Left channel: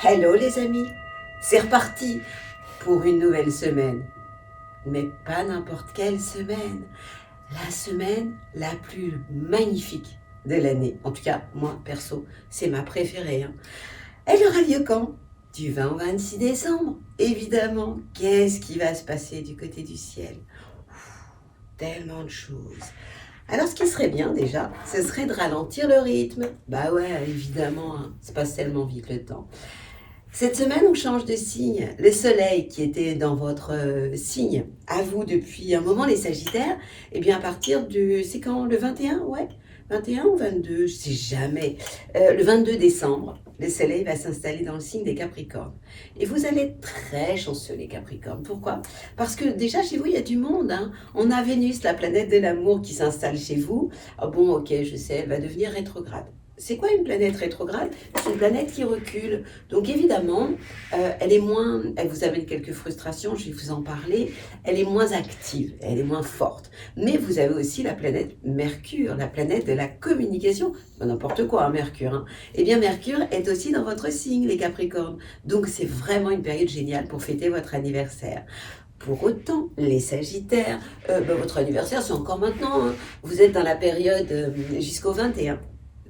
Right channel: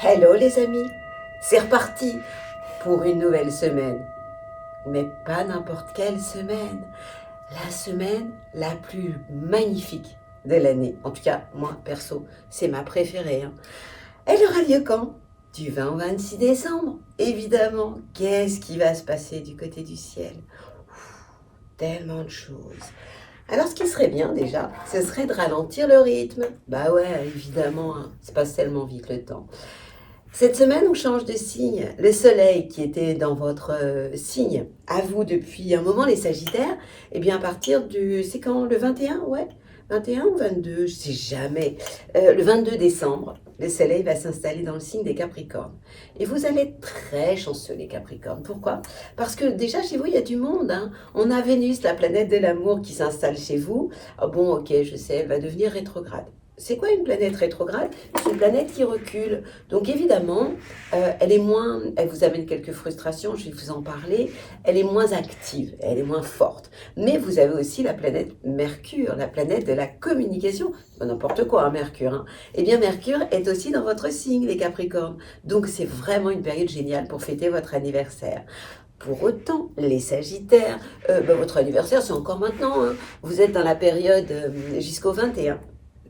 Hello les amis, c'est reparti pour une nouvelle semaine. Mais pas n'importe quelle semaine, la semaine la plus magnifique de l'année. En tout cas, moi, perso, c'est ma préférée. Elle aura lieu quand? Du 20 au 26 décembre, évidemment. Qu'est-ce qui va se passer du côté du ciel? Tellement de choses. Alors, ce qui serait bien déjà, ce serait de ralentir le rythme. Bah ouais, évidemment, ça passe tellement vite le temps. Cette semaine, on change de signe. Le soleil qui était dans votre signe, à vous depuis un moment, les Sagittaires, eh bien à partir du... C'est quand? Le 21? Ouais. 21 ou 22? Je sais jamais. Le 22 décembre, le soleil va s'installer dans le signe des Capricornes. Et vous allez être très chanceux, les Capricornes. Pourquoi? Parce que déjà, chez vous, il y a du monde. On a Vénus, la planète de l'amour, qui s'installe chez vous. Ah bon, ok, je sais, elle va devenir rétrograde. C'est quoi une planète rétrograde? C'est une planète qui recule. Donc évidemment, elle est moins, elle vous amène quelques frustrations, je vais vous en parler. Elle est moins active, elle est moins forte. Mais vous avez aussi la planète Mercure, la planète de la communication. N'importe quoi, Mercure. Eh bien, Mercure est aussi dans votre signe, les Capricornes. Donc c'est vraiment une période géniale pour fêter votre anniversaire. Pour autant, les Sagittaires, votre anniversaire, c'est encore maintenant. Vous êtes dans la période jusqu'au 21.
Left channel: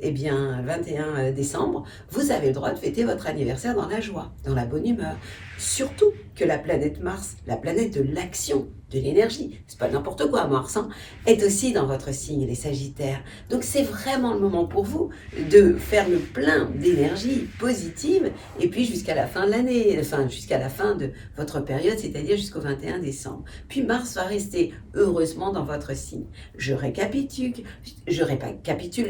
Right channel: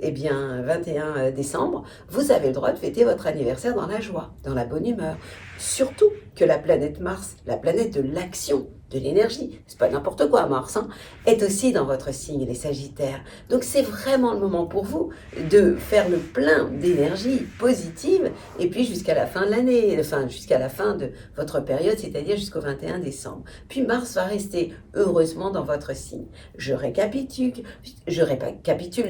Eh bien, 21 décembre, vous avez le droit de fêter votre anniversaire dans la joie, dans la bonne humeur. Surtout que la planète Mars, la planète de l'action, de l'énergie, c'est pas n'importe quoi Mars, est aussi dans votre signe, les Sagittaires. Donc c'est vraiment le moment pour vous de faire le plein d'énergie positive et puis jusqu'à la fin de l'année, enfin jusqu'à la fin de votre période, c'est-à-dire jusqu'au 21 décembre. Puis Mars va rester heureusement dans votre signe. Je récapitule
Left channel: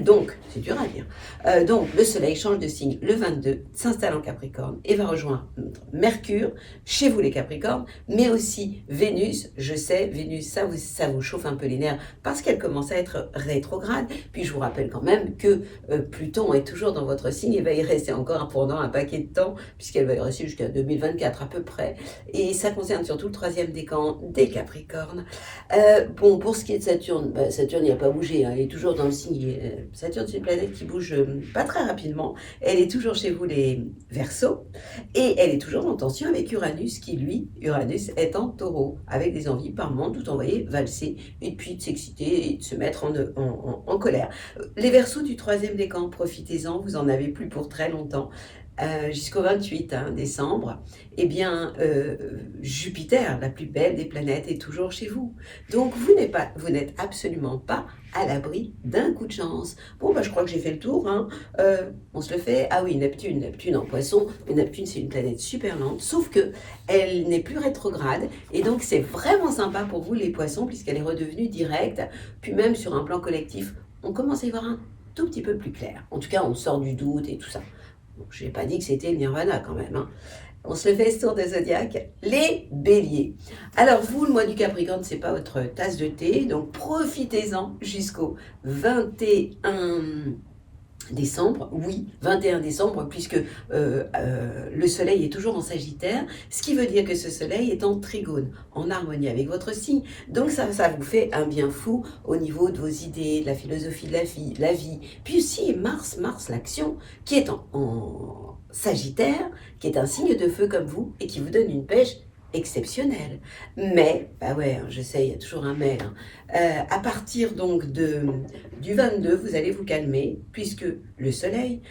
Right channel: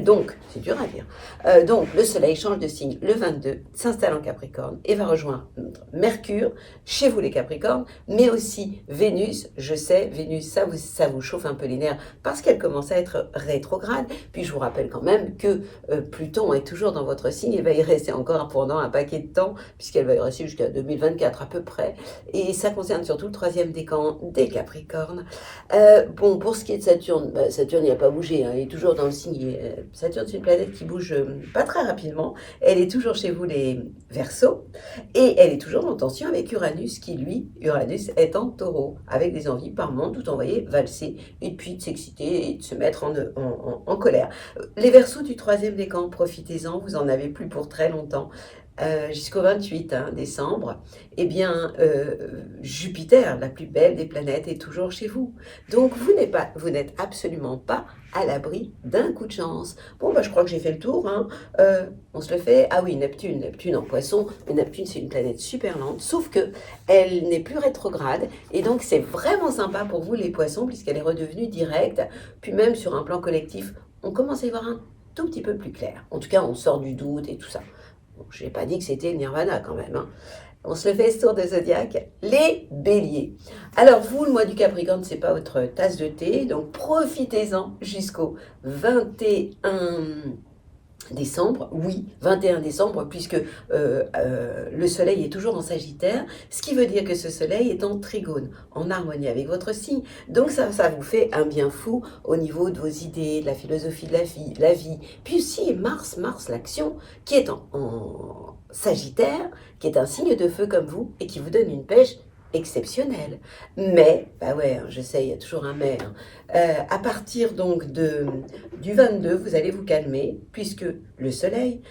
donc, c'est dur à dire. Donc le Soleil change de signe le 22, s'installe en Capricorne et va rejoindre Mercure, chez vous les Capricornes, mais aussi Vénus. Je sais, Vénus, ça vous chauffe un peu les nerfs parce qu'elle commence à être rétrograde. Puis je vous rappelle quand même que Pluton est toujours dans votre signe et va y rester encore pendant un paquet de temps, puisqu'elle va y rester jusqu'à 2024 à peu près. Et ça concerne surtout le troisième décan des Capricornes. Bon, pour ce qui est de Saturne, Saturne il n'a pas bougé, il est toujours dans le signe. Saturne, c'est une planète qui bouge pas très rapidement. Elle est toujours chez vous les Verseaux et elle est toujours en tension avec Uranus, qui lui, Uranus, est en Taureau, avec des envies par moment, tout envoyé valser, et puis de s'exciter et de se mettre en colère. Les Verseaux du troisième décan, profitez-en, vous en avez plus pour très longtemps. Jusqu'au 28 décembre, eh bien, Jupiter, la plus belle des planètes, est toujours chez vous. Donc, vous n'êtes absolument pas à l'abri d'un coup de chance. Bon, je crois que j'ai fait le tour. On se le fait. Ah oui, Neptune en Poisson. Mais Neptune, c'est une planète super lente, sauf que elle n'est plus rétrograde. Et donc, c'est vraiment sympa pour vous, les Poissons, puisqu'elle est redevenue directe. Puis même sur un plan collectif, on commence à y voir un tout petit peu plus clair. En tout cas, on sort du doute et tout ça. Bon, je n'ai pas dit que c'était le nirvana quand même. On se le fait ce tour de zodiaque, les béliers. Alors vous, le mois du Capricorne, c'est pas votre tasse de thé, donc profitez-en jusqu'au 21 décembre, oui, 21 décembre, puisque le soleil est toujours en Sagittaire, ce qui veut dire que ce soleil est en trigone, en harmonie avec votre signe. Donc ça vous fait un bien fou au niveau de vos idées, de la philosophie de la vie. Puis aussi Mars, l'action, qui est en Sagittaire, qui est un signe de feu comme vous, et qui vous donne une pêche exceptionnelle. Mais, je sais, il y a toujours un mais. À partir donc du 22, vous allez vous calmer, puisque le soleil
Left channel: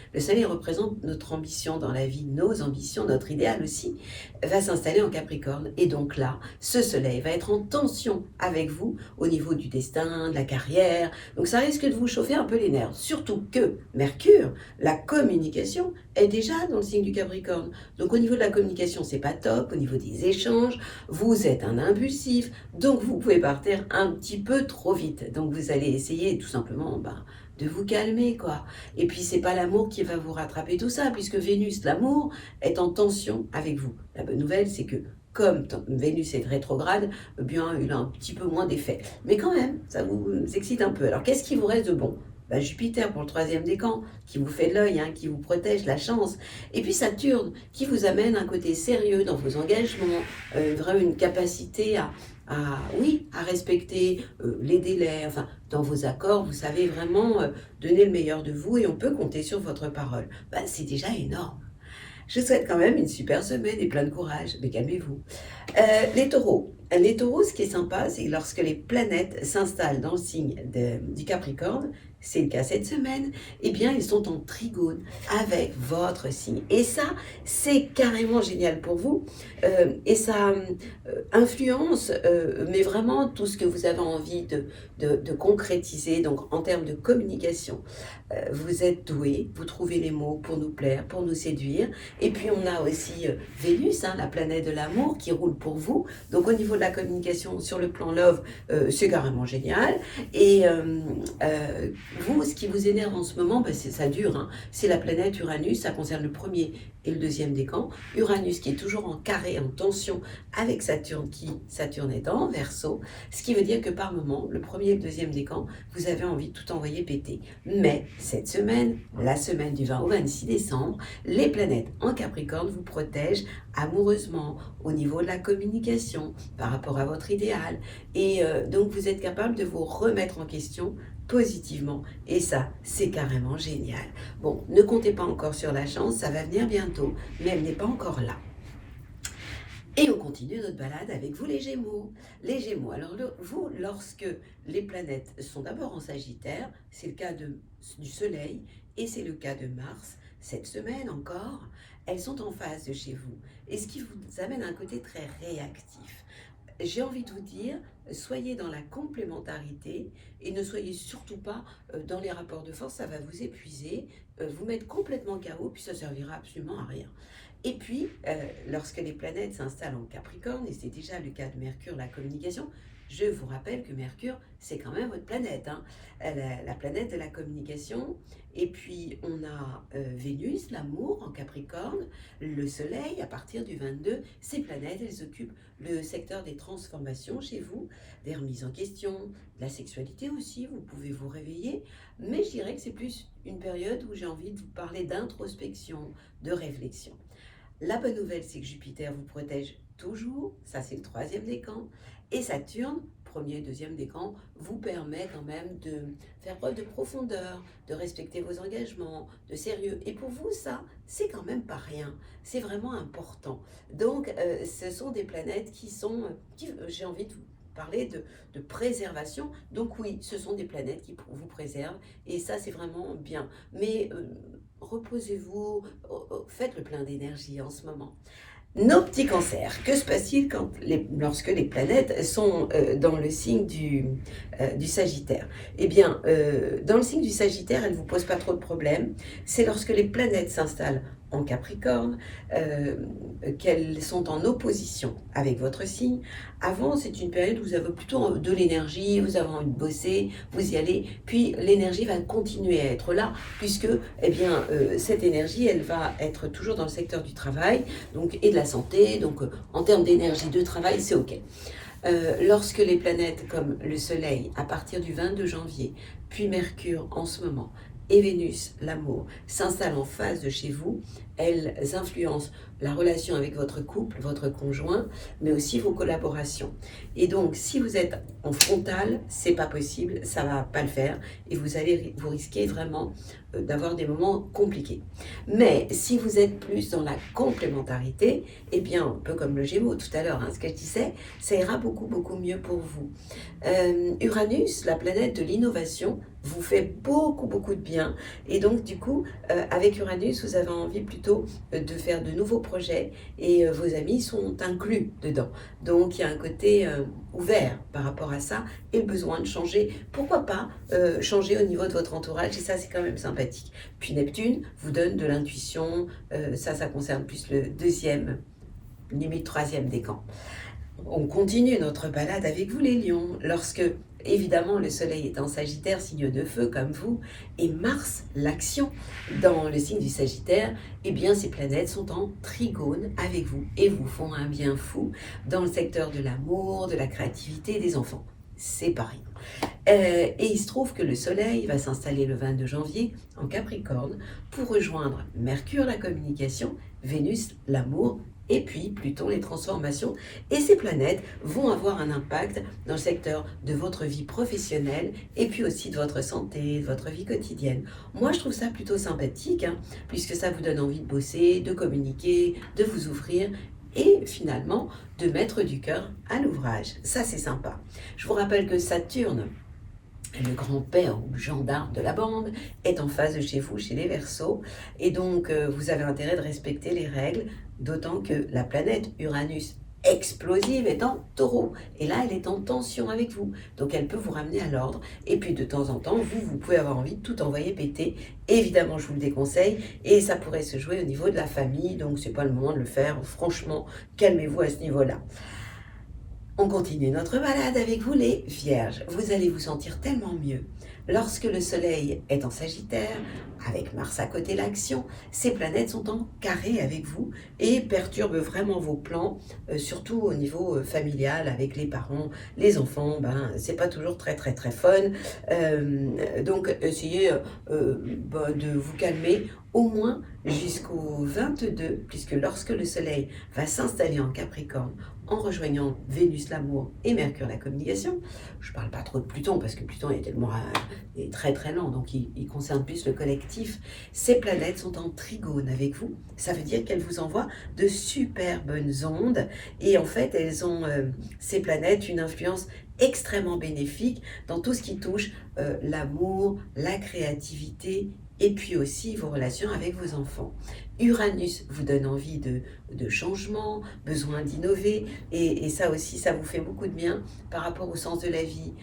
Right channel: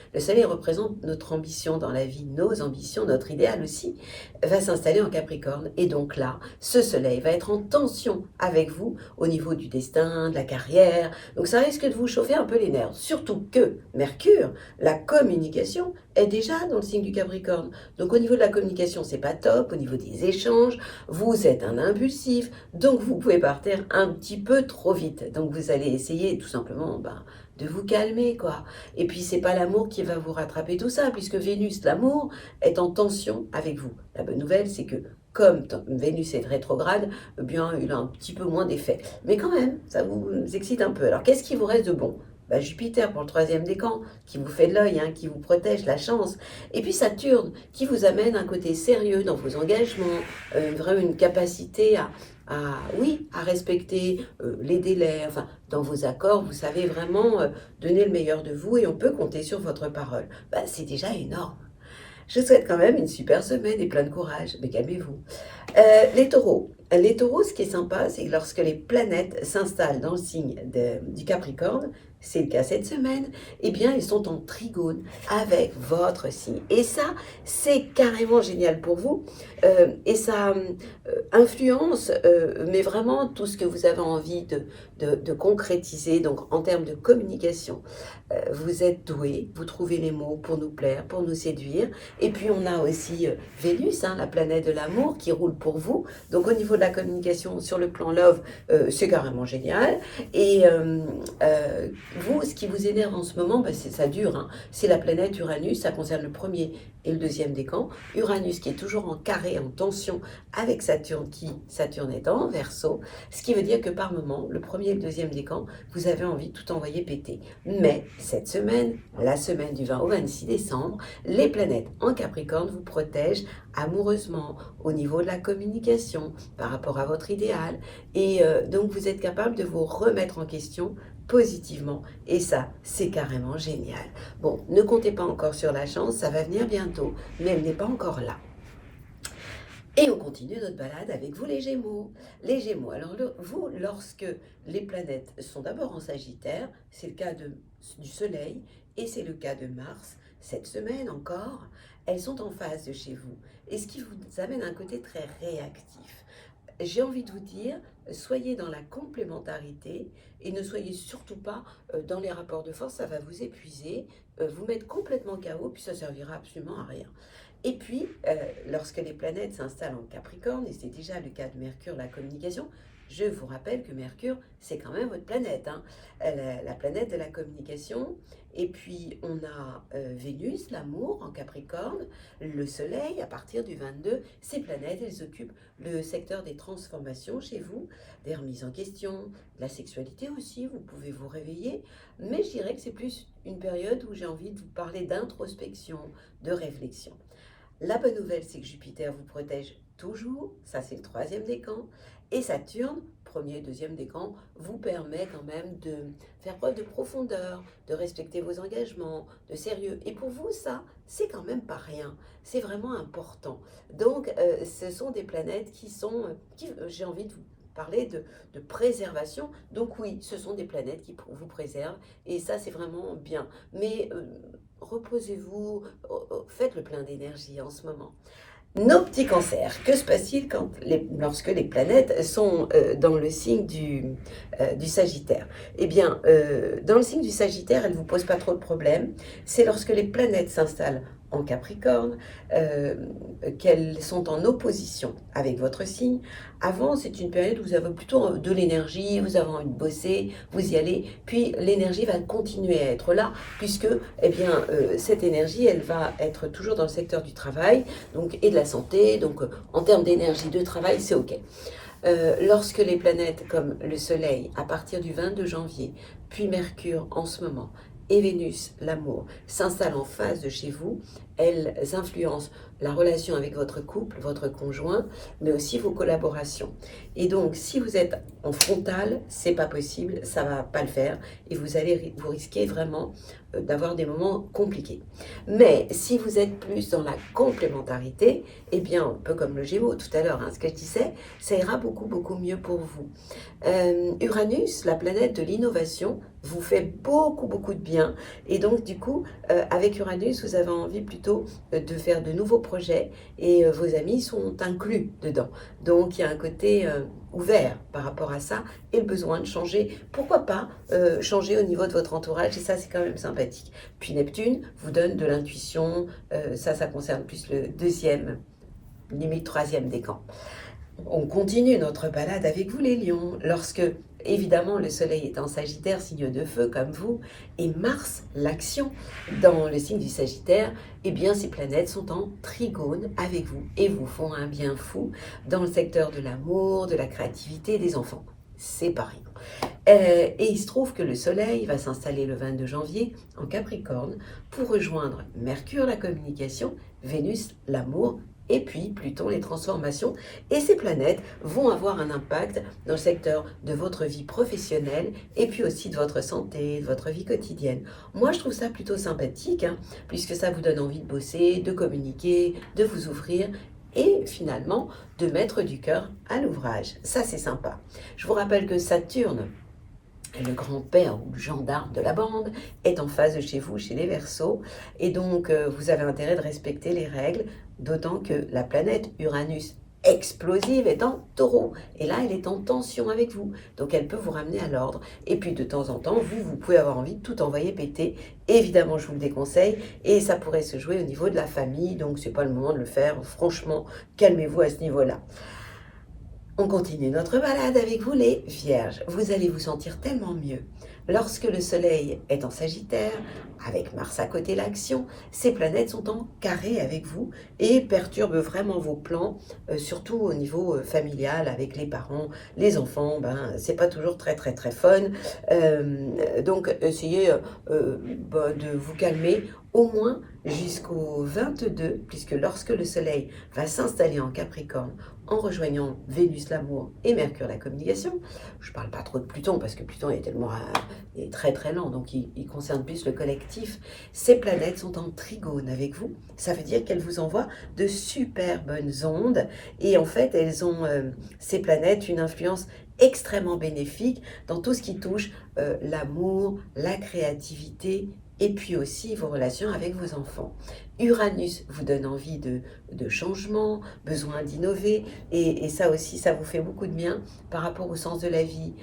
représente notre ambition dans la vie, nos ambitions, notre idéal aussi, va s'installer en Capricorne. Et donc là, ce soleil va être en tension avec vous au niveau du destin, de la carrière. Donc ça risque de vous chauffer un peu les nerfs. Surtout que Mercure, la communication, est déjà dans le signe du Capricorne. Donc au niveau de la communication, c'est pas top. Au niveau des échanges, vous êtes un impulsif. Donc vous pouvez partir un petit peu trop vite. Donc vous allez essayer tout simplement de vous calmer, quoi. Et puis c'est pas l'amour qui va vous rattraper tout ça, puisque Vénus, l'amour, est en tension avec vous. La bonne nouvelle, c'est que comme Vénus est rétrograde, eh bien, il a un petit peu moins d'effet. Mais quand même, ça vous excite un peu. Alors qu'est-ce qui vous reste de bon? Jupiter pour le troisième décan, qui vous fait de l'œil, qui vous protège, la chance. Et puis Saturne, qui vous amène un côté sérieux dans vos engagements, vraiment une capacité à respecter les délais, enfin, dans vos accords, vous savez vraiment donner le meilleur de vous et on peut compter sur votre parole. C'est déjà énorme. Je vous souhaite quand même une super semaine et plein de courage, mais calmez-vous. Les taureaux. Les taureaux, ce qui est sympa, c'est lorsque les planètes s'installent dans le signe du Capricorne, c'est le cas cette semaine, eh bien, ils sont en trigone avec votre signe. Et ça, c'est carrément génial pour vous. Et ça influence, mais vraiment tout ce que vous avez envie de concrétiser, donc en termes de communication. Vous êtes doué, vous trouvez les mots pour nous plaire, pour nous séduire. Et puis on a aussi Vénus, hein, la planète de l'amour, qui roule pour vous. Donc au niveau de la communication sur le plan love, c'est carrément génial. Et vous, ce qui vous énerve en ce moment, ben ça dure. Hein. C'est la planète Uranus, ça concerne le premier et le deuxième décan. Uranus qui est toujours en carré, en tension avec Saturne, Saturne est en Verseau. Ce qui veut dire que par moment, le premier et le deuxième décan, vous avez envie de tout envoyer péter. Mais cette semaine, la semaine du 20 au 26 décembre, les planètes en Capricorne vous protègent amoureusement au niveau de la communication par rapport à votre idéal. Et donc, vous êtes capable de vous remettre en question positivement. Et ça, c'est carrément génial. Bon, ne comptez pas encore sur la chance, ça va venir bientôt, mais elle n'est pas encore là. Et on continue notre balade avec vous les Gémeaux. Les Gémeaux, alors vous, lorsque les planètes sont d'abord en Sagittaire, c'est le cas du Soleil et c'est le cas de Mars, cette semaine encore, elles sont en face de chez vous. Et ce qui vous amène à un côté très réactif. J'ai envie de vous dire, soyez dans la complémentarité et ne soyez surtout pas dans les rapports de force, ça va vous épuiser, vous mettre complètement KO, puis ça servira absolument à rien. Et puis, lorsque les planètes s'installent en Capricorne, et c'est déjà le cas de Mercure, la communication, je vous rappelle que Mercure, c'est quand même votre planète, hein, la planète de la communication. Et puis, on a Vénus, l'amour, en Capricorne, le Soleil, à partir du 22, ces planètes, elles occupent le secteur des transformations chez vous, des remises en question, de la sexualité aussi, vous pouvez vous réveiller. Mais je dirais que c'est plus une période où j'ai envie de vous parler d'introspection, de réflexion. La bonne nouvelle, c'est que Jupiter vous protège toujours, ça c'est le 3e décan, et Saturne, 1er et 2e décan, vous permet quand même de faire preuve de profondeur, de respecter vos engagements, de sérieux. Et pour vous, ça, c'est quand même pas rien, c'est vraiment important. Donc, ce sont des planètes j'ai envie de vous parler de préservation. Donc oui, ce sont des planètes qui vous préservent, et ça c'est vraiment bien. Mais reposez-vous, faites le plein d'énergie en ce moment. Nos petits cancers, que se passe-t-il lorsque les planètes sont dans le signe du Sagittaire? Eh bien, dans le signe du Sagittaire, elles ne vous posent pas trop de problèmes. C'est lorsque les planètes s'installent en Capricorne, qu'elles sont en opposition avec votre signe. Avant, c'est une période où vous avez plutôt de l'énergie, vous avez envie de bosser, vous y allez, puis l'énergie va continuer à être là, puisque eh bien, cette énergie, elle va être toujours dans le secteur du travail donc, et de la santé, donc en termes d'énergie de travail, c'est OK. Lorsque les planètes comme le Soleil, à partir du 22 janvier, puis Mercure en ce moment, et Vénus, l'amour, s'installent en face de chez vous, elles influencent la relation avec votre couple, votre conjoint, mais aussi vos collaborations. Et donc, si vous êtes en frontal, c'est pas possible, ça va pas le faire, et vous risquez vraiment d'avoir des moments compliqués. Mais si vous êtes plus dans la complémentarité, eh bien, un peu comme le Gémeaux tout à l'heure, hein, ce que je disais, ça ira beaucoup, beaucoup mieux pour vous. Uranus, la planète de l'innovation, vous fait beaucoup, beaucoup de bien. Et donc, du coup, avec Uranus, vous avez envie plutôt de faire de nouveaux projets et vos amis sont inclus dedans. Donc, il y a un côté ouvert par rapport à ça et le besoin de changer. Pourquoi pas changer au niveau de votre entourage, et ça, c'est quand même sympathique. Puis Neptune vous donne de l'intuition, ça concerne plus le 2e, limite 3e décan. On continue notre balade avec vous les lions, lorsque évidemment le soleil est en Sagittaire, signe de feu comme vous, et Mars, l'action, dans le signe du Sagittaire, eh bien ces planètes sont en trigone avec vous et vous font un bien fou dans le secteur de l'amour, de la créativité, des enfants. c'est pas rien. Et il se trouve que le Soleil va s'installer le 22 janvier en Capricorne pour rejoindre Mercure, la communication, Vénus, l'amour, et puis Pluton, les transformations. Et ces planètes vont avoir un impact dans le secteur de votre vie professionnelle et puis aussi de votre santé, de votre vie quotidienne. Moi, je trouve ça plutôt sympathique, hein, puisque ça vous donne envie de bosser, de communiquer, de vous ouvrir et finalement de mettre du cœur à l'ouvrage. Ça, c'est sympa. Je vous rappelle que Saturne, le grand-père ou le gendarme de la bande, est en face de chez vous, chez les Verseaux, et donc vous avez intérêt de respecter les règles, d'autant que la planète Uranus explosive est en Taureau, et là elle est en tension avec vous, donc elle peut vous ramener à l'ordre, et puis de temps en temps, vous pouvez avoir envie de tout envoyer péter, évidemment je vous le déconseille, et ça pourrait se jouer au niveau de la famille, donc c'est pas le moment de le faire, franchement, calmez-vous à ce niveau-là. On continue notre balade avec vous les Vierges. Vous allez vous sentir tellement mieux. Lorsque le Soleil est en Sagittaire, avec Mars à côté l'action, ces planètes sont en carré avec vous et perturbent vraiment vos plans, surtout au niveau familial avec les parents, les enfants. C'est pas toujours très fun. Donc essayez de vous calmer au moins jusqu'au 22, puisque lorsque le Soleil va s'installer en Capricorne, en rejoignant Vénus l'amour et Mercure la communication, je ne parle pas trop de Pluton parce que Pluton est tellement est très lent, donc il concerne plus le collectif. Ces planètes sont en trigone avec vous, ça veut dire qu'elles vous envoient de super bonnes ondes et en fait elles ont, ces planètes, une influence extrêmement bénéfique dans tout ce qui touche l'amour, la créativité et puis aussi vos relations avec vos enfants. Uranus vous donne envie de changement, besoin d'innover, et ça aussi, ça vous fait beaucoup de bien par rapport au sens de la vie,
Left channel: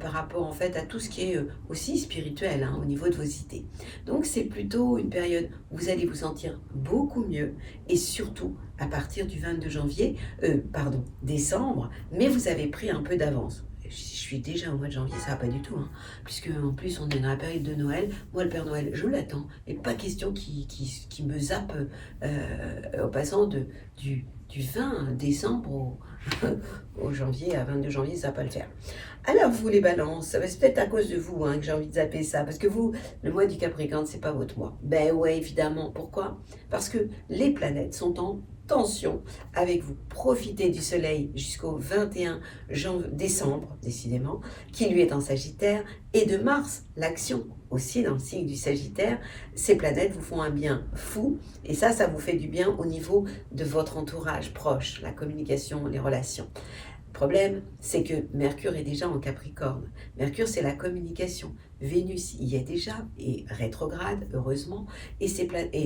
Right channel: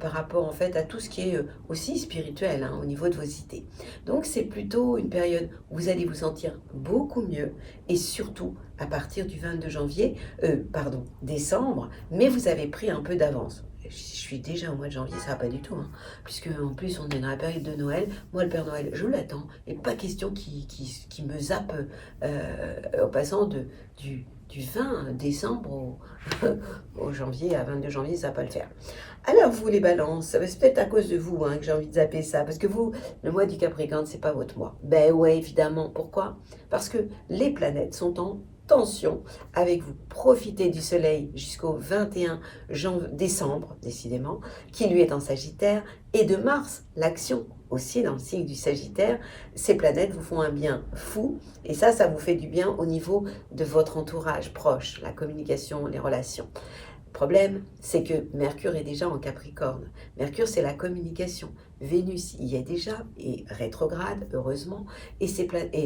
par rapport en fait à tout ce qui est aussi spirituel au niveau de vos idées. Donc c'est plutôt une période où vous allez vous sentir beaucoup mieux, et surtout à partir du 22 décembre, mais vous avez pris un peu d'avance. Je suis déjà au mois de janvier, ça va pas du tout, puisque en plus on est dans la période de Noël. Moi, le Père Noël, je l'attends, et pas question qu'il me zappe au passant du 20 décembre au janvier, à 22 janvier, ça va pas le faire. Alors vous les balances, c'est peut-être à cause de vous que j'ai envie de zapper ça, parce que vous, le mois du Capricorne, c'est pas votre mois. Ben ouais, évidemment. Pourquoi? Parce que les planètes sont en tension avec vous. Profitez du Soleil jusqu'au 21 décembre, décidément, qui lui est en Sagittaire, et de Mars, l'action aussi dans le signe du Sagittaire. Ces planètes vous font un bien fou, et ça vous fait du bien au niveau de votre entourage proche, la communication, les relations. Le problème, c'est que Mercure est déjà en Capricorne. Mercure, c'est la communication. Vénus y est déjà, et rétrograde, heureusement. Et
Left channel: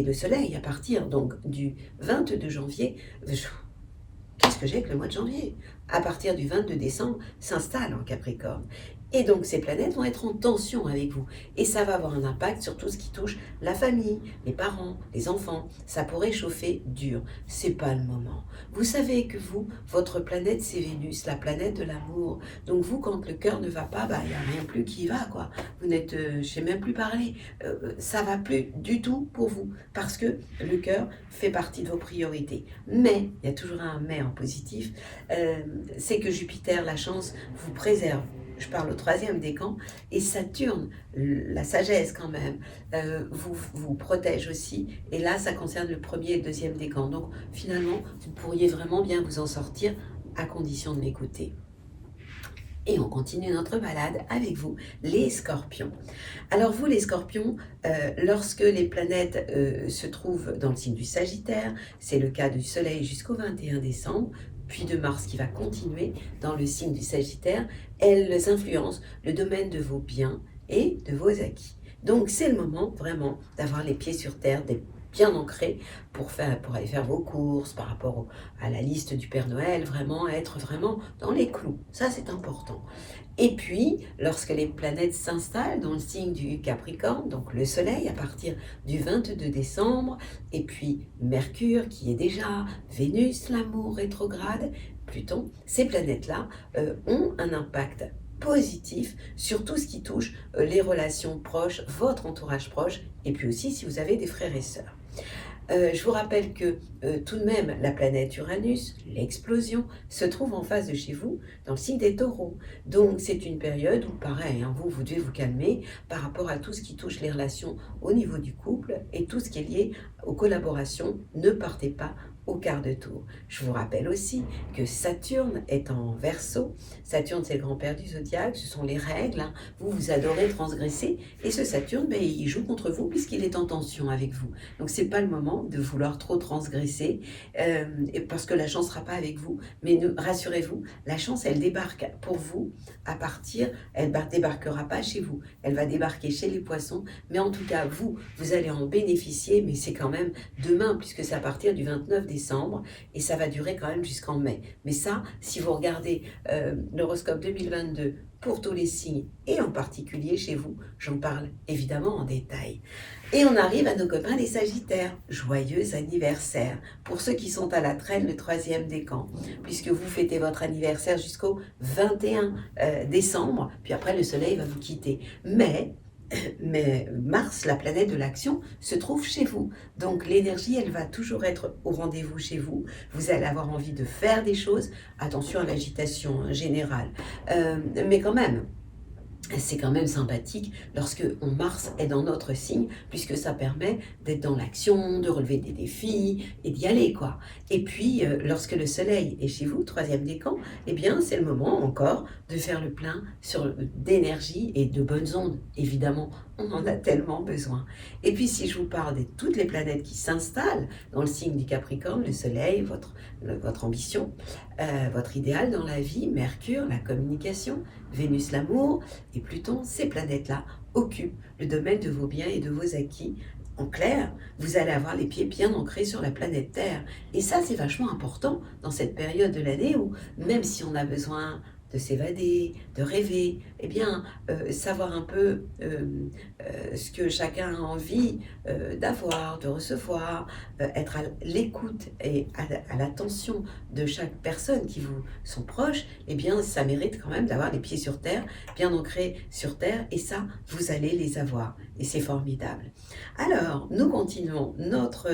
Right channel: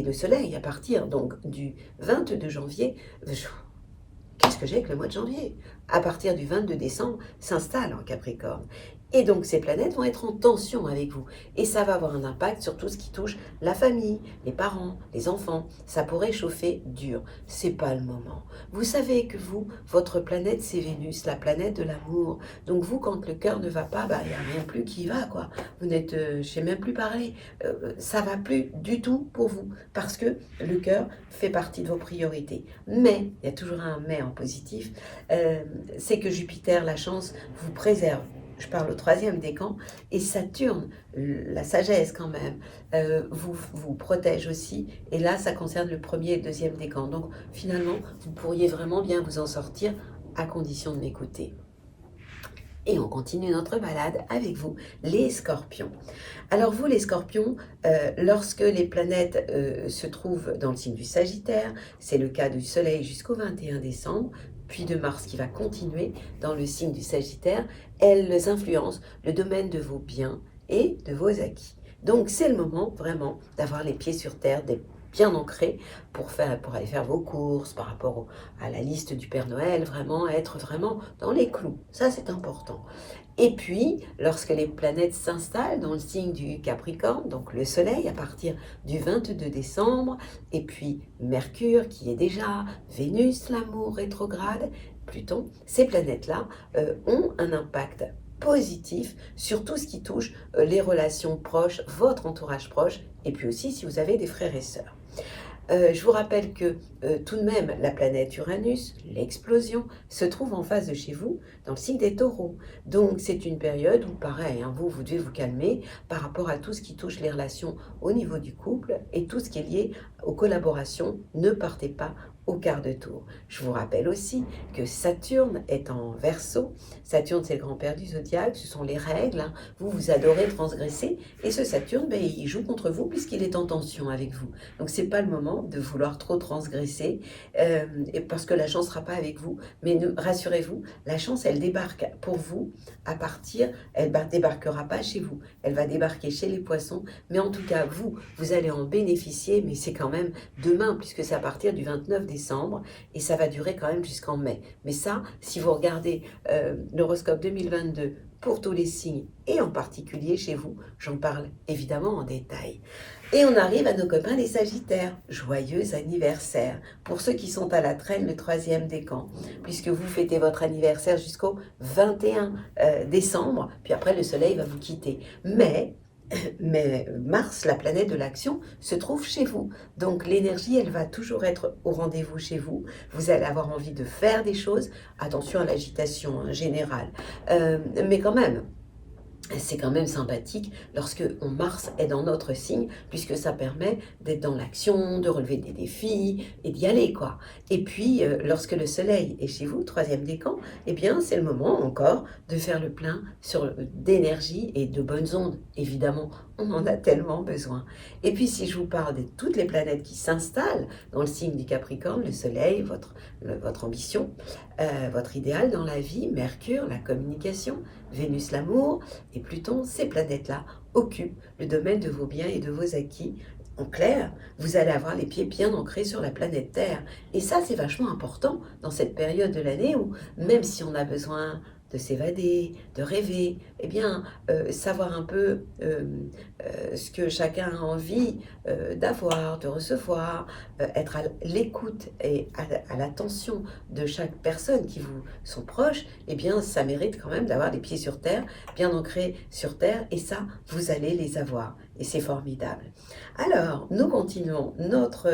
le Soleil, à partir donc du 22 janvier, qu'est-ce que j'ai avec le mois de janvier? À partir du 22 décembre, s'installe en Capricorne. Et donc ces planètes vont être en tension avec vous. Et ça va avoir un impact sur tout ce qui touche la famille, les parents, les enfants. Ça pourrait chauffer dur. C'est pas le moment. Vous savez que vous, votre planète, c'est Vénus, la planète de l'amour. Donc vous, quand le cœur ne va pas, il n'y a rien plus qui va, quoi. Vous n'êtes, je ne sais même plus parler. Ça va plus du tout pour vous. Parce que le cœur fait partie de vos priorités. Mais, il y a toujours un mais en positif, c'est que Jupiter, la chance, vous préserve. Je parle au 3e décan, et Saturne, la sagesse quand même, vous protège aussi, et là ça concerne le 1er et le 2e décan. Donc finalement, vous pourriez vraiment bien vous en sortir à condition de m'écouter. Et on continue notre balade avec vous, les Scorpions. Alors vous les Scorpions, lorsque les planètes se trouvent dans le signe du Sagittaire, c'est le cas du Soleil jusqu'au 21 décembre, puis de Mars qui va continuer dans le signe du Sagittaire, elles influencent le domaine de vos biens et de vos acquis. Donc c'est le moment vraiment d'avoir les pieds sur terre, d'être bien ancrés pour aller faire vos courses par rapport à la liste du Père Noël, vraiment être vraiment dans les clous. Ça c'est important. Et puis, lorsque les planètes s'installent dans le signe du Capricorne, donc le Soleil à partir du 22 décembre, et puis Mercure qui est déjà, Vénus, l'amour rétrograde, Pluton, ces planètes-là ont un impact positif sur tout ce qui touche les relations proches, votre entourage proche, et puis aussi si vous avez des frères et sœurs. Je vous rappelle que tout de même, la planète Uranus, l'explosion, se trouve en face de chez vous, dans le signe des taureaux. Donc c'est une période où, pareil, hein, vous devez vous calmer par rapport à tout ce qui touche les relations au niveau du couple et tout ce qui est lié aux collaborations. Ne partez pas au quart de tour. Je vous rappelle aussi que Saturne est en Verseau. Saturne, c'est le grand-père du zodiaque, ce sont les règles, hein. Vous adorez transgresser, et ce Saturne, ben, il joue contre vous puisqu'il est en tension avec vous. Donc c'est pas le moment de vouloir trop transgresser, et parce que la chance ne sera pas avec vous. Mais rassurez-vous, la chance, elle débarque pour vous à partir, elle ne débarquera pas chez vous, elle va débarquer chez les poissons, mais en tout cas, vous allez en bénéficier, mais c'est quand même demain, puisque c'est à partir du 29 décembre, et ça va durer quand même jusqu'en mai. Mais ça, si vous regardez l'horoscope 2022 pour tous les signes, et en particulier chez vous, j'en parle évidemment en détail. Et on arrive à nos copains les Sagittaires. Joyeux anniversaire pour ceux qui sont à la traîne le 3e décan, puisque vous fêtez votre anniversaire jusqu'au 21 décembre, puis après le soleil va vous quitter. Mais Mars, la planète de l'action, se trouve chez vous. Donc l'énergie, elle va toujours être au rendez-vous chez vous. Vous allez avoir envie de faire des choses. Attention à l'agitation générale. Mais quand même, c'est quand même sympathique lorsque Mars est dans notre signe, puisque ça permet d'être dans l'action, de relever des défis et d'y aller, quoi. Et puis, lorsque le soleil est chez vous, 3e décan, eh bien, c'est le moment encore de faire le plein d'énergie et de bonnes ondes. Évidemment, on en a tellement besoin. Et puis, si je vous parle de toutes les planètes qui s'installent dans le signe du Capricorne, le soleil, votre ambition, votre idéal dans la vie, Mercure, la communication, Vénus, l'amour, et Pluton, ces planètes-là occupent le domaine de vos biens et de vos acquis. En clair, vous allez avoir les pieds bien ancrés sur la planète Terre. Et ça, c'est vachement important dans cette période de l'année où, même si on a besoin de s'évader, de rêver, eh bien, savoir un peu ce que chacun a envie d'avoir, de recevoir, être à l'écoute et à l'attention de chaque personne qui vous sont proches, eh bien, ça mérite quand même d'avoir les pieds sur terre, bien ancrés sur terre, et ça, vous allez les avoir, et c'est formidable. Alors, nous continuons notre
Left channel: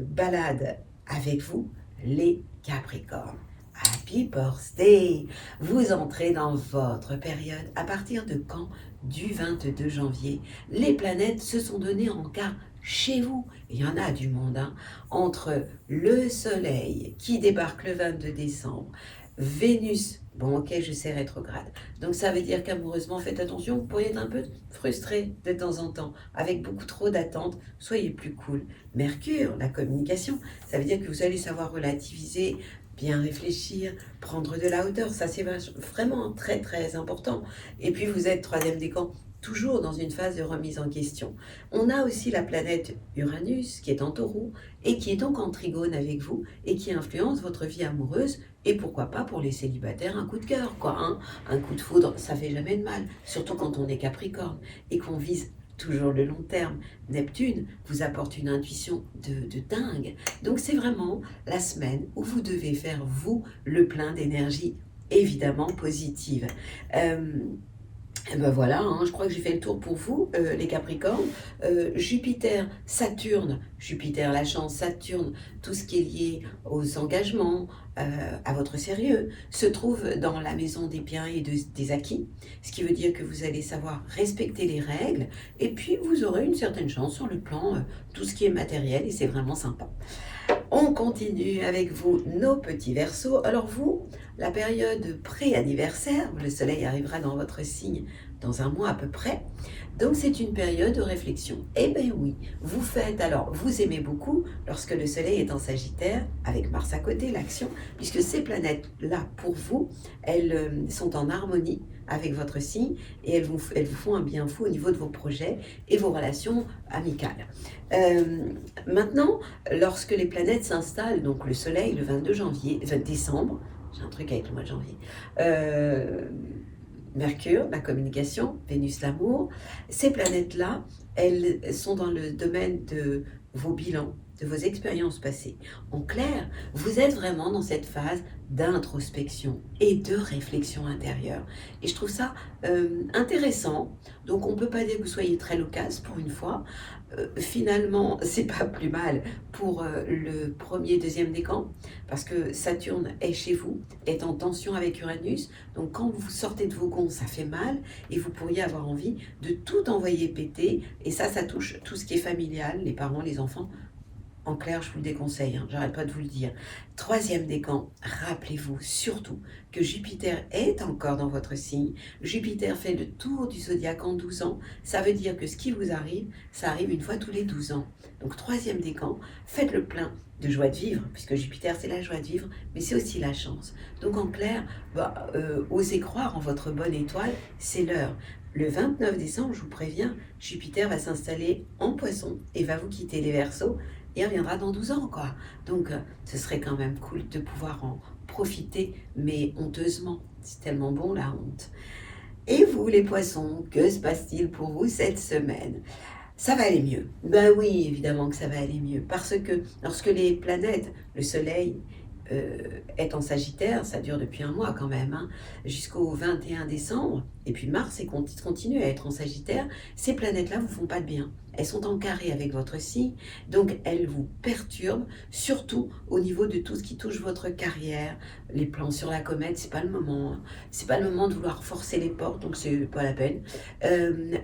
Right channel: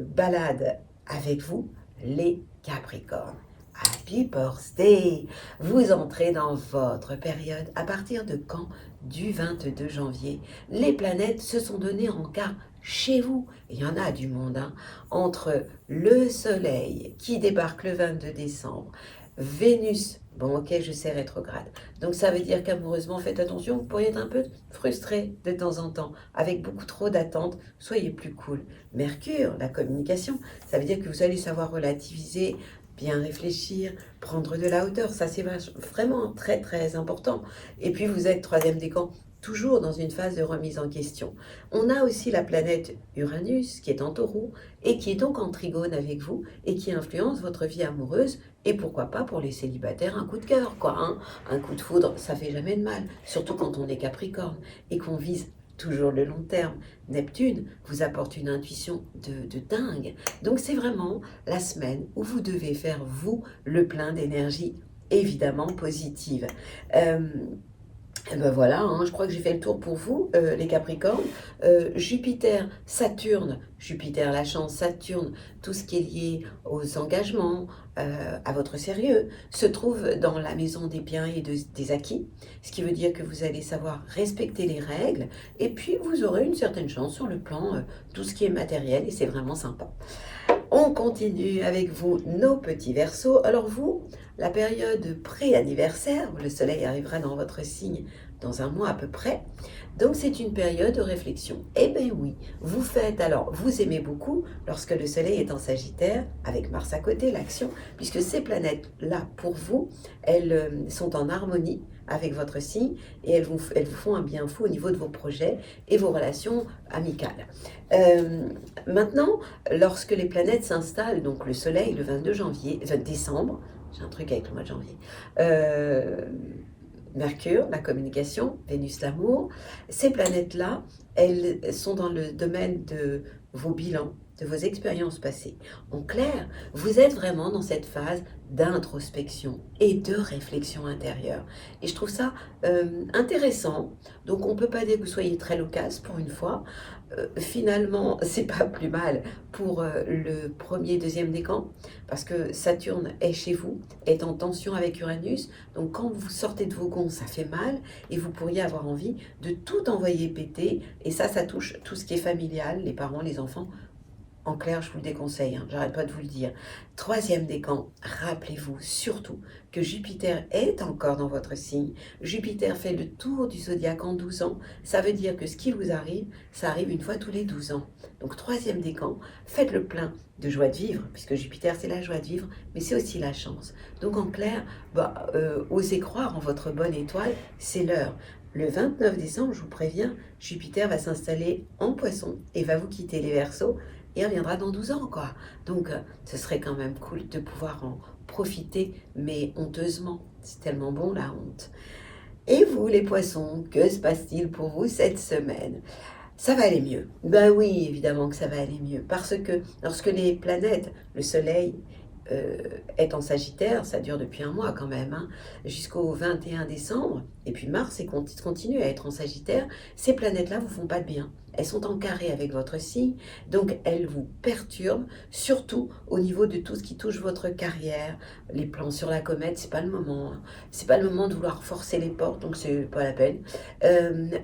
balade avec vous, les Capricornes. Happy birthday! Vous entrez dans votre période. À partir de quand? Du 22 janvier. Les planètes se sont données en quart chez vous. Il y en a du monde, hein. Entre le Soleil qui débarque le 22 décembre, Vénus, bon ok, je sais, rétrograde. Donc ça veut dire qu'amoureusement, faites attention, vous pourriez être un peu frustré de temps en temps, avec beaucoup trop d'attentes. Soyez plus cool. Mercure, la communication, ça veut dire que vous allez savoir relativiser, bien réfléchir, prendre de la hauteur, ça c'est vraiment très très important. Et puis vous êtes 3e décan, toujours dans une phase de remise en question. On a aussi la planète Uranus qui est en Taureau et qui est donc en trigone avec vous et qui influence votre vie amoureuse, et pourquoi pas pour les célibataires un coup de cœur, quoi, hein. Un coup de foudre, ça fait jamais de mal, surtout quand on est Capricorne et qu'on vise toujours le long terme. Neptune vous apporte une intuition de dingue. Donc c'est vraiment la semaine où vous devez faire, vous, le plein d'énergie évidemment positive. Et ben voilà, hein, je crois que j'ai fait le tour pour vous, les Capricornes. Jupiter, Saturne, Jupiter la chance, Saturne, tout ce qui est lié aux engagements, à votre sérieux, se trouve dans la maison des biens et des acquis, ce qui veut dire que vous allez savoir respecter les règles, et puis vous aurez une certaine chance sur le plan tout ce qui est matériel, et c'est vraiment sympa. On continue avec vous, nos petits Verseaux. Alors vous, la période pré-anniversaire, où le soleil arrivera dans votre signe dans un mois à peu près, donc c'est une période de réflexion. Eh bien oui, vous faites, alors vous aimez beaucoup lorsque le soleil est en Sagittaire, avec Mars à côté, l'action, puisque ces planètes-là, pour vous, elles sont en harmonie avec votre signe, et elles vous font un bien fou au niveau de vos projets et vos relations amicales. Maintenant, lorsque les planètes s'installent, donc le soleil le 22 décembre, j'ai un truc avec le mois de janvier, Mercure, la communication, Vénus, l'amour, ces planètes-là, elles sont dans le domaine de vos bilans, de vos expériences passées. En clair, vous êtes vraiment dans cette phase d'introspection et de réflexion intérieure. Et je trouve ça intéressant. Donc on ne peut pas dire que vous soyez très loquace pour une fois, finalement, c'est pas plus mal pour le premier, deuxième décan, parce que Saturne est chez vous, est en tension avec Uranus. Donc quand vous sortez de vos gonds, ça fait mal et vous pourriez avoir envie de tout envoyer péter. Et ça touche tout ce qui est familial, les parents, les enfants. En clair, je vous le déconseille, hein, j'arrête pas de vous le dire. Troisième décan, rappelez-vous surtout que Jupiter est encore dans votre signe. Jupiter fait le tour du zodiaque en 12 ans. Ça veut dire que ce qui vous arrive, ça arrive une fois tous les 12 ans. Donc troisième décan, faites le plein de joie de vivre, puisque Jupiter c'est la joie de vivre, mais c'est aussi la chance. Donc en clair, osez croire en votre bonne étoile, c'est l'heure. Le 29 décembre, je vous préviens, Jupiter va s'installer en Poisson et va vous quitter les Verseaux et reviendra dans 12 ans, quoi. Donc, ce serait quand même cool de pouvoir en profiter, mais honteusement. C'est tellement bon, la honte. Et vous, les poissons, que se passe-t-il pour vous cette semaine? Ça va aller mieux. Ben oui, évidemment que ça va aller mieux. Parce que lorsque les planètes, le Soleil, est en Sagittaire, ça dure depuis un mois quand même, hein, jusqu'au 21 décembre, et puis Mars continue à être en Sagittaire, ces planètes-là vous font pas de bien. Elles sont en carré avec votre signe, donc elles vous perturbent, surtout au niveau de tout ce qui touche votre carrière, les plans sur la comète, c'est pas le moment, hein. C'est pas le moment de vouloir forcer les portes, donc c'est pas la peine.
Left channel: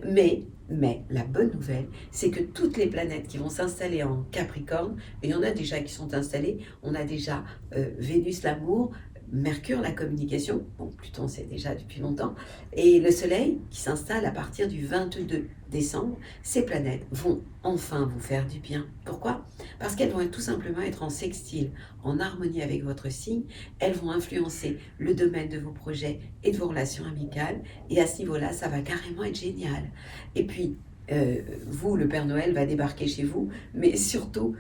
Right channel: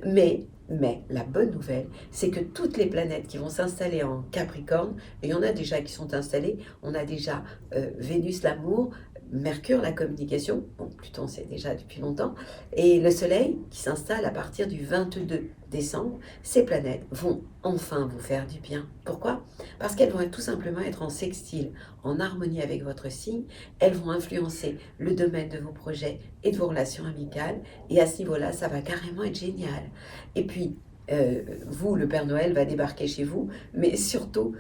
Mais la bonne nouvelle, c'est que toutes les planètes qui vont s'installer en Capricorne, et il y en a déjà qui sont installées, on a déjà Vénus l'amour, Mercure la communication, bon Pluton c'est déjà depuis longtemps, et le Soleil qui s'installe à partir du 22 décembre, ces planètes vont enfin vous faire du bien. Pourquoi? Parce qu'elles vont tout simplement être en sextile, en harmonie avec votre signe, elles vont influencer le domaine de vos projets et de vos relations amicales, et à ce niveau-là, ça va carrément être génial. Et puis, vous, le Père Noël va débarquer chez vous, mais surtout,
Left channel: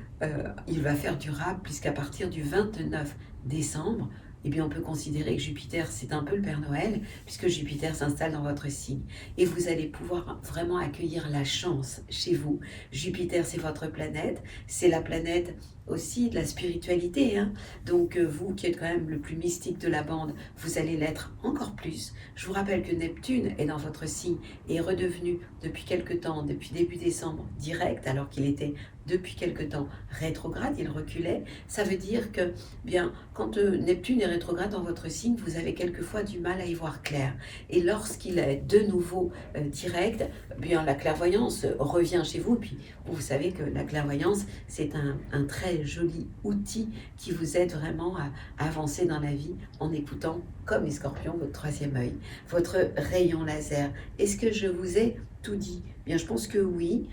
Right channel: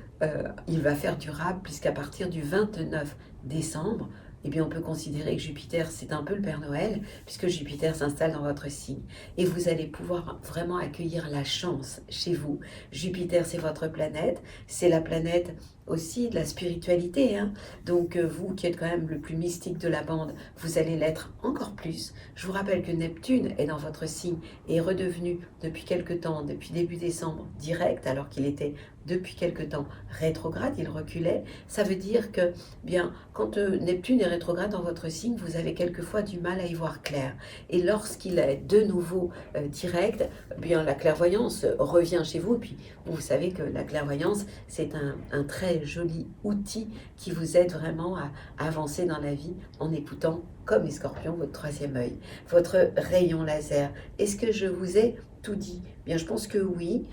il va faire durable, puisqu'à partir du 29 décembre, eh bien, on peut considérer que Jupiter, c'est un peu le Père Noël, puisque Jupiter s'installe dans votre signe. Et vous allez pouvoir vraiment accueillir la chance chez vous. Jupiter, c'est votre planète, c'est la planète aussi de la spiritualité, hein. Donc, vous qui êtes quand même le plus mystique de la bande, vous allez l'être encore plus. Je vous rappelle que Neptune est dans votre signe et est redevenu depuis quelque temps, depuis début décembre, direct, alors qu'il était depuis quelque temps rétrograde, il reculait. Ça veut dire que, bien, quand Neptune est rétrograde dans votre signe, vous avez quelquefois du mal à y voir clair. Et lorsqu'il est de nouveau direct, bien, la clairvoyance revient chez vous. Et puis, vous savez que la clairvoyance, c'est un très joli outil qui vous aide vraiment à avancer dans la vie en écoutant, comme les scorpions, votre troisième œil, votre rayon laser. Est-ce que je vous ai tout dit? Bien, je pense que oui.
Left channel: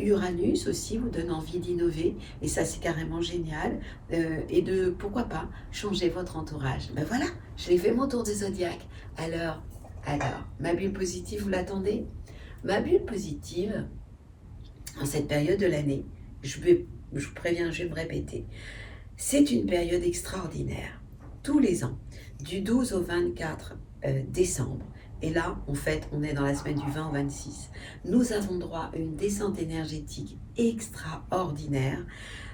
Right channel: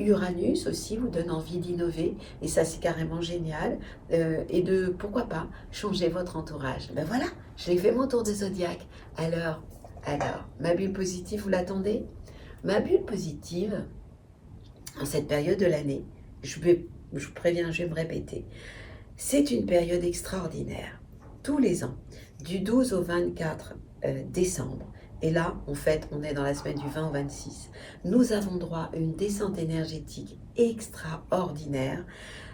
Uranus aussi vous donne envie d'innover, et ça c'est carrément génial, et de, pourquoi pas, changer votre entourage. Ben voilà, j'ai fait mon tour de zodiaque. Alors, ma bulle positive, vous l'attendez? Ma bulle positive, en cette période de l'année, je vous préviens, je vais me répéter, c'est une période extraordinaire. Tous les ans, du 12 au 24 décembre, et là, en fait, on est dans la semaine du 20 au 26. Nous avons droit à une descente énergétique extraordinaire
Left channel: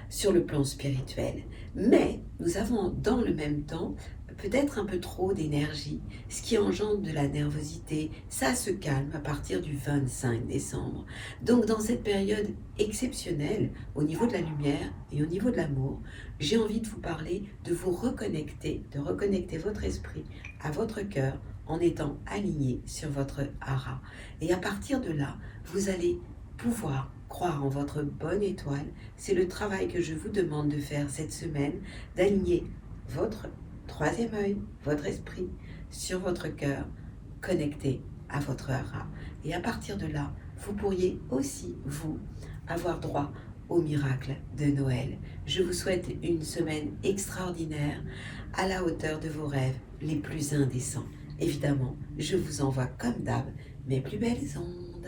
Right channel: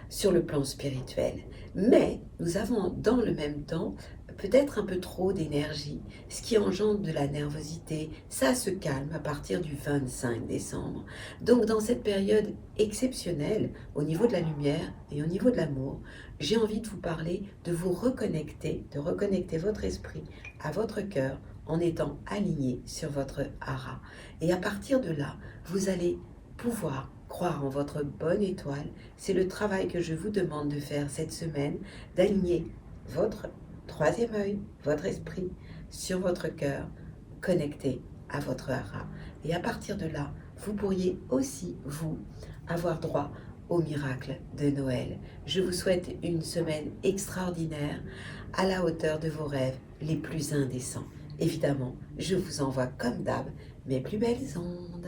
sur le plan spirituel. Mais nous avons dans le même temps peut-être un peu trop d'énergie, ce qui engendre de la nervosité. Ça se calme à partir du 25 décembre. Donc dans cette période exceptionnelle, au niveau de la lumière et au niveau de l'amour, j'ai envie de vous parler, de vous reconnecter, de reconnecter votre esprit à votre cœur, en étant aligné sur votre hara. Et à partir de là, vous allez pouvoir croire en votre bonne étoile. C'est le travail que je vous demande de faire cette semaine, d'aligner votre troisième œil, votre esprit, sur votre cœur, connecté à votre hara. Et à partir de là, vous pourriez aussi, vous, avoir droit au miracle de Noël. Je vous souhaite une semaine extraordinaire, à la hauteur de vos rêves les plus indécents. Évidemment, je vous envoie comme d'hab mes plus belles ondes.